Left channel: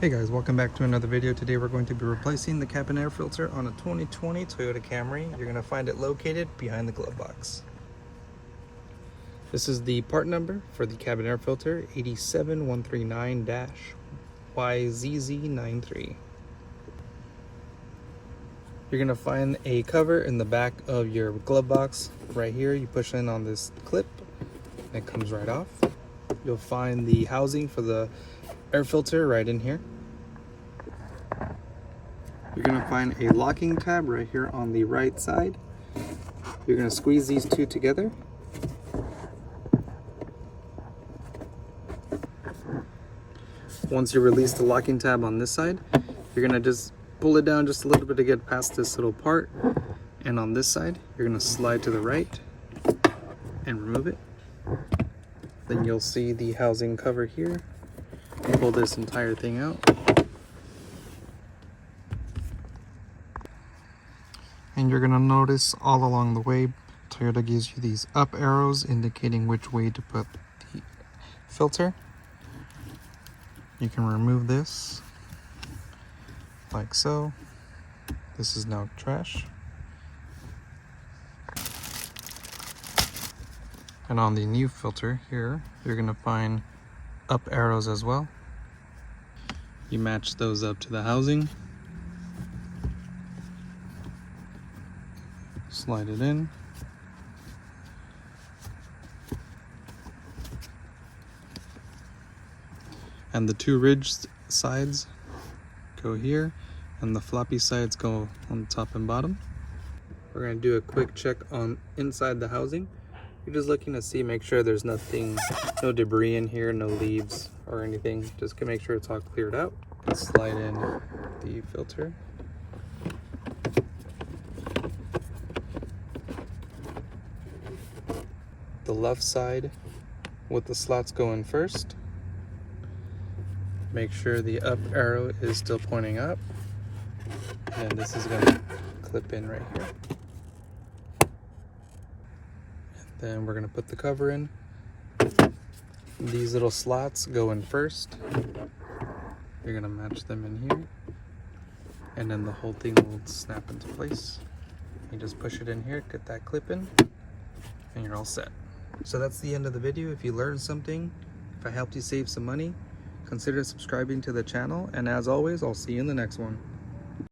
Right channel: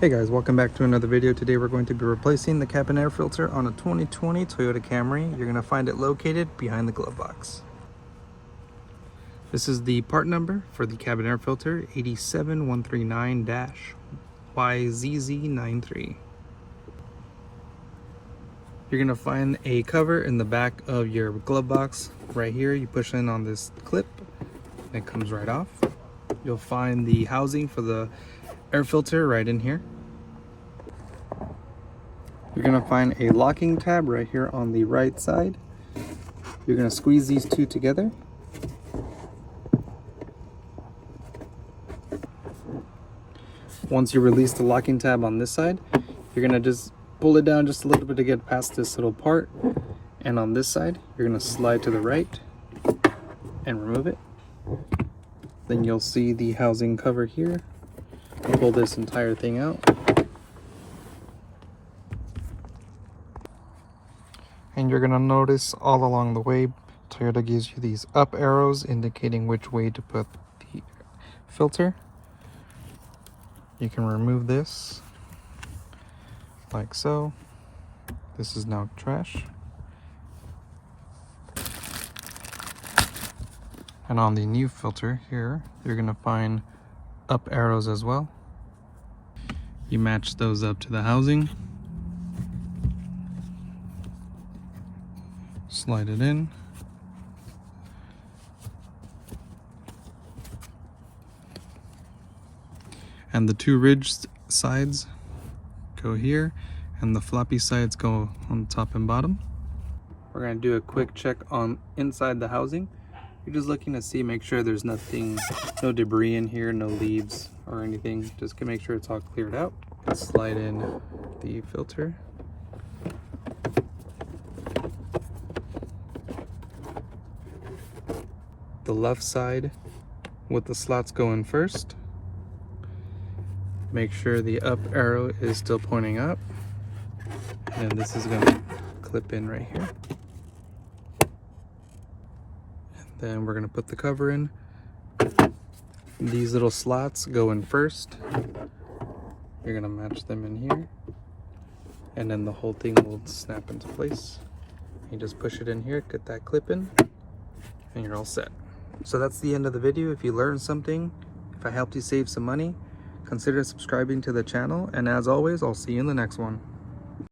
Hey guys, welcome back to another video. Today we're going to be replacing the cabin air filter on a 2020 Toyota Camry. You're going to find it located behind the glove box. This is the part number for the cabin air filter, 87139-YZZ93. You're going to find a cover in the back of your glove box. Right here, you push in on this clip and it comes right off. You'll find the housing for the air filter right in here. You're going to find a locking tab right here on the right side. You're going to squeeze these two together. Once you release the locking tab on this side, you're going to just pull it down just a little bit to get past this little part. And on this side, you're going to slide to the right and remove it. Then you'll see the housing cover here. Pull this entire thing out. And you're going to notice all along the way, Toyota gives you these up arrows indicating which way to put the filter. You can remove this like so. This is now trash. And on the new filter here, you're going to find up arrows as well. You match those up to the housing. Slide it in. And the two ridged sides go here, and the floppy sides go on the top and bottom. We're going to do a quick check on inside the housing. You're just looking to see, make sure there's nothing, no debris in here, no leaves or anything. Just to make sure it's all cleared out. Slide in the filter. The left side with the slots going first. Make sure the up arrow is still pointing up. And this is going to clip in right here. Then we're going to put the cover in. These little slots go in first. You're going to match them in here. And then the whole thing will snap into place. You just push it in here, get that clip in, and you're all set. So that's the end of the video. If you learned something, if I helped you save some money, consider subscribing to the channel. And as always, I'll see you in the next one.